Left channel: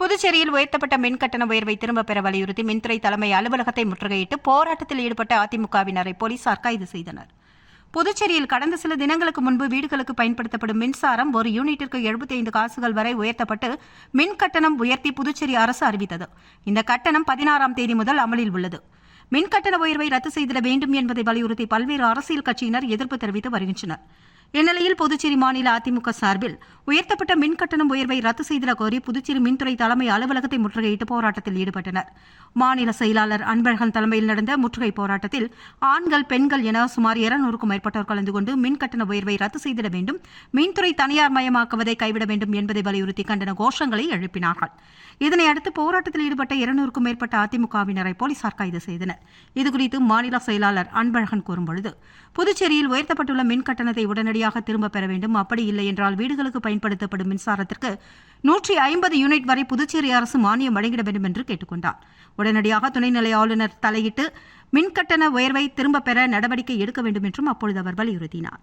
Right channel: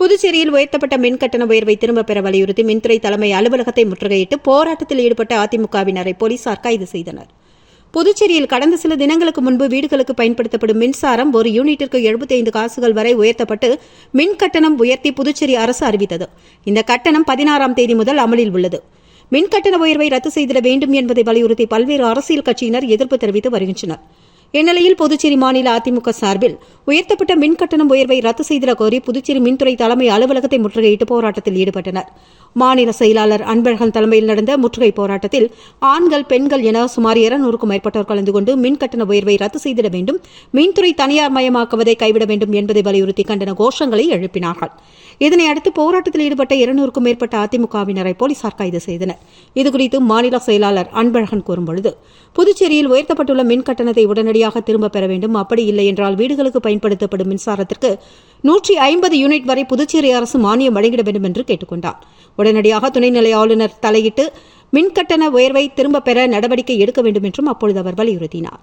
புதுச்சேரியில் உயர்த்தப்பட்ட மின்கட்டண உயர்வை திரும்பப் பெற வலியுறுத்தி மின்துறை தலைமை அலுவலகத்தை முற்றுகையிட்டு போராட்டத்தில் ஈடுபட்ட அதிமுகவினரை போலீசார் கைது செய்தனர். புதுச்சேரியில் கடந்த சில தினங்களுக்கு முன்பு வீடுகளுக்கு பயன்படுத்தப்படும் மின்சாரம் ஒரு யூனிட்டிற்கு 75 காசுகள் வரை உயர்த்தப்பட்டு மின் கட்டணம் உயர்த்தி புதுச்சேரி அரசு அறிவித்தது. இந்த கட்டணம் 16ஆம் தேதி முதல் அமலில் உள்ளது. மின்கட்டண உயர்வை ரத்து செய்திட வேண்டும் என்பதை வலியுறுத்தி பல்வேறு அரசியல் கட்சியினர் எதிர்ப்பு தெரிவித்து வருகின்றனர். இந்நிலையில் புதுச்சேரி மாநில அதிமுக சார்பில் உயர்த்தப்பட்ட மின்கட்டணம் உயர்வை ரத்து செய்திட கோரி புதுச்சேரி மின்துறை தலைமை அலுவலகத்தை முற்றுகையிட்டு போராட்டத்தில் ஈடுபட்டனர். மாநில செயலாளர் அன்பழகன் தலைமையில் நடந்த முற்றுகை போராட்டத்தில் ஆண்கள், பெண்கள் என சுமார் 200க்கும் மேற்பட்டோர் கலந்து கொண்டு மின்கட்டண உயர்வை ரத்து செய்திட வேண்டும், மின்துறை தனியார் மயமாக்குவதை கைவிட வேண்டும் என்பதை வலியுறுத்தி கண்டன கோஷங்களை எழுப்பினார்கள். இதனையடுத்து போராட்டத்தில் ஈடுபட்ட 200க்கும் மேற்பட்ட அதிமுகவினரை போலீசார் கைது செய்தனர். இதுகுறித்து மாநில செயலாளர் அன்பழகன் கூறும்பொழுது, புதுச்சேரியில் உயர்த்தப்பட்டுள்ள மின் கட்டணத்தை உடனடியாக திரும்பப் பெற வேண்டும். அப்படி இல்லை என்றால் வீடுகளுக்கு பயன்படுத்தப்படும் மின்சாரத்திற்கு 150 யூனிட் வரை புதுச்சேரி அரசு மானியம் வழங்கிட வேண்டும் என்று கேட்டுக் கொண்டார். உடனடியாக துணைநிலை ஆளுநர் தலையிட்டு மின்கட்டண உயர்வை திரும்பப் பெற நடவடிக்கை எடுக்க வேண்டும் என்றும் அப்பொழுது அவர் வலியுறுத்தினார்.